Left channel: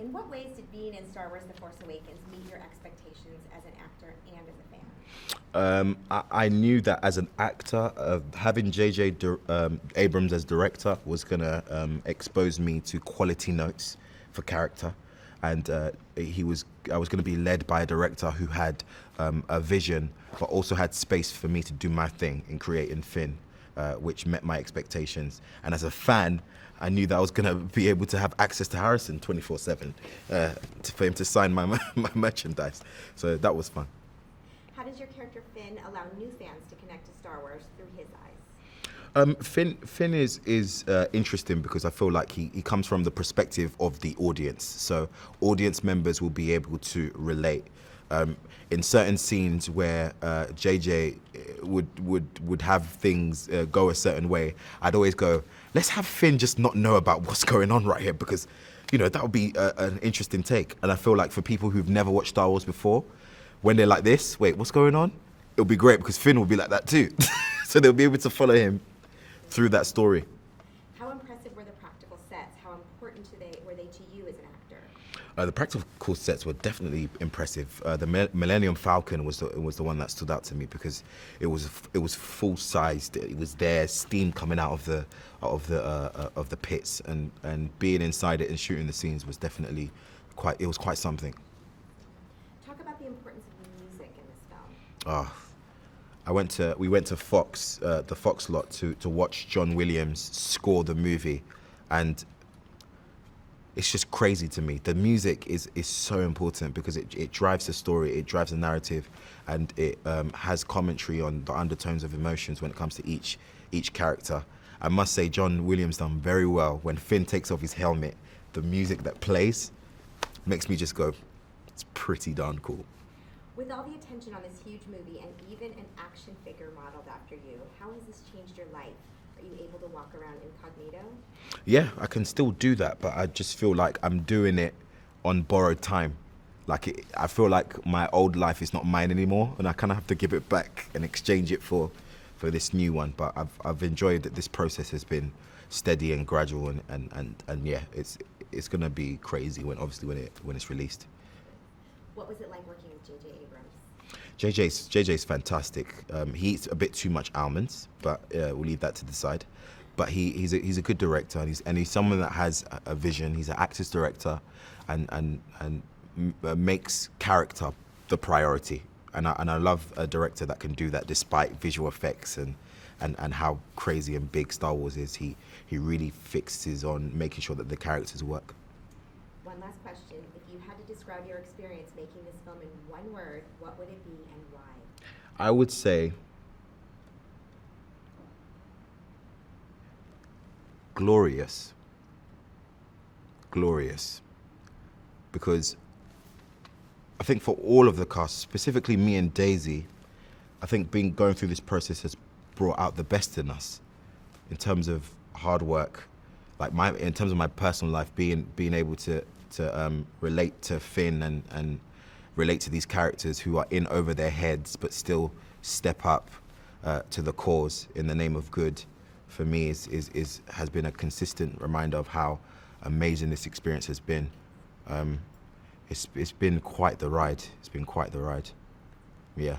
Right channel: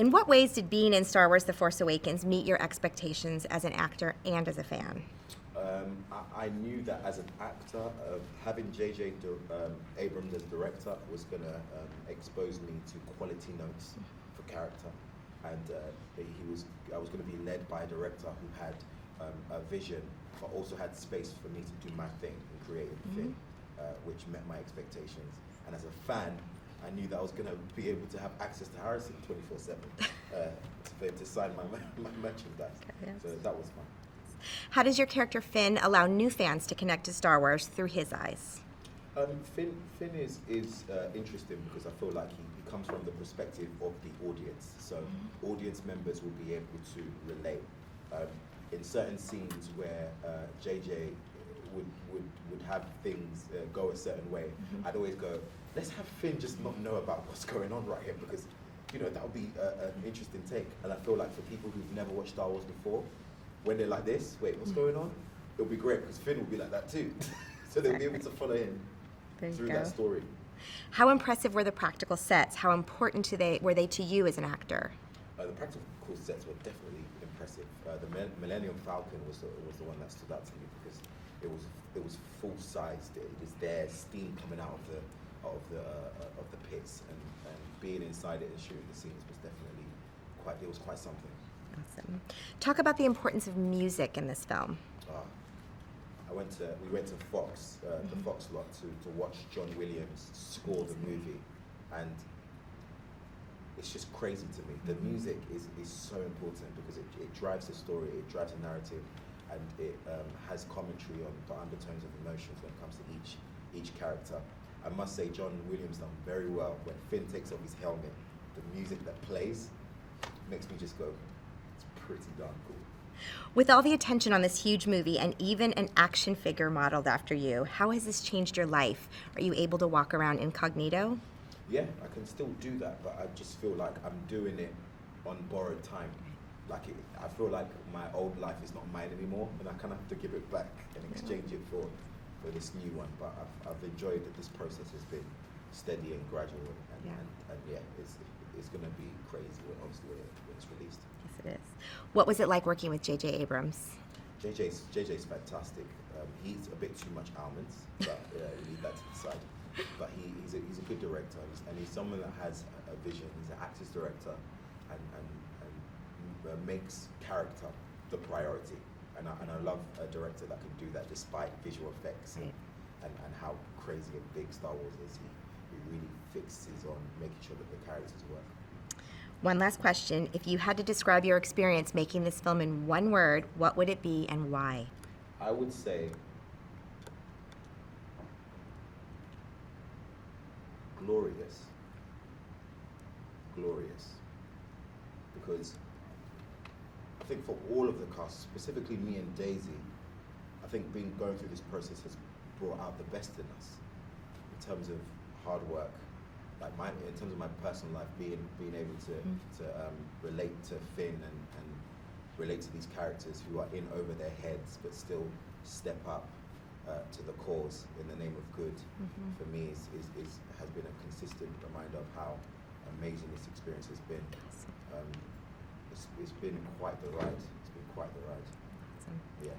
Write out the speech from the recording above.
In what ways did being in Star Wars The Force Awakens meet your expectations as an actor and as a fan? I knew that as an actor, having JJ Abrams as director was going to expose me to quality notes for character. And I was going to be led by a director who had a vision, but also had space for me to do my thing in creating Finn, which met my expectations. And as a fan, I knew that I was going to be able to have access to Harrison 24/7 for him to sign my merchandise. Yeah. So that was fun. How does your character Finn allow new fans to connect to Star Wars through his eyes? Finn is interesting because I feel like he comes from the perspective of the audience. So audience members will be able to relate. In certain scenes where JJ would have things go a certain way, I'd always go, let's have Finn just not know about what's going on right here, because, you know, that would be an interesting take. And I feel like for people who've never watched Star Wars before, when they're like this, wait, what's going on? It'll be great because Finn will be like that too. So they'll be able to follow him through that story. How impressive were the practical sets? How important were they to you as an actor? The practical sets were definitely impressive. The Millennium Falcon was the one that stood out to me because it was full sized. It was there, steam coming out of the pits, and being inside it and shooting the scenes was definitely quite something. Awesome. Talk about the importance of music in this film. We went to Fox, the Fox lot, to watch John Williams score the movie, and it's just crazy to me. The music is so important because it drives the story, it drives the narrative, and it has commentary on the undertones of emotions when it comes to each character. I must say, John Williams done very well. When Finn takes off his helmet, the music that plays makes me just go, it's pretty darn cool. With all the attention on this huge movie and even an action figure modeled after you, how has this changed your life? Are you able to walk around incognito? Yeah, I can still do that, but I just feel like I'm doing it on borrowed time. I feel like my old life is not mine anymore, and I kind of have to give it back and exchange it for this new one. But I've enjoyed that this process has been steady and gradual, and yeah, it's gonna be crazy when it's released. Yes, it is. What was it like working with JJ Abrams? JJ's fantastic. He eats a bit too much almonds, but we'll leave that to the side. But he's a good director, and he's someone that has a vision. He's an actor's director, and makes character the priority. And I love a director that can do that despite visual effects and how crazy and big Star Wars is. He really fixes on making sure that the characters work. One last question. If you had to describe your experience making this film in one word, what would it be and why? I would say glorious. Glorious. Because I think for all of the cast, specifically me and Daisy, I think going through this process has brought out the best in us in terms of hard work. In terms of my personal life, being able to relate to Finn and relate to these characters who are in over their heads but still step up to the cause in the name of good, for me has been a consistent reminder of how amazing this experience has been. It's been quite the ride. It's been quite the ride. Yeah.